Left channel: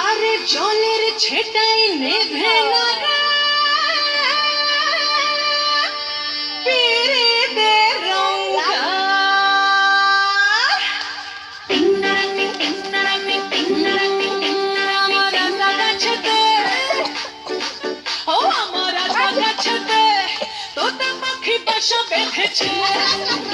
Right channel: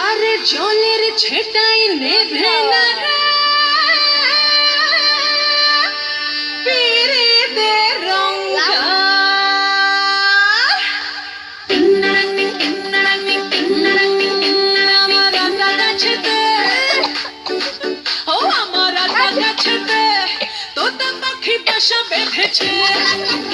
আর জলের ছেটাই নেভে না Shut up.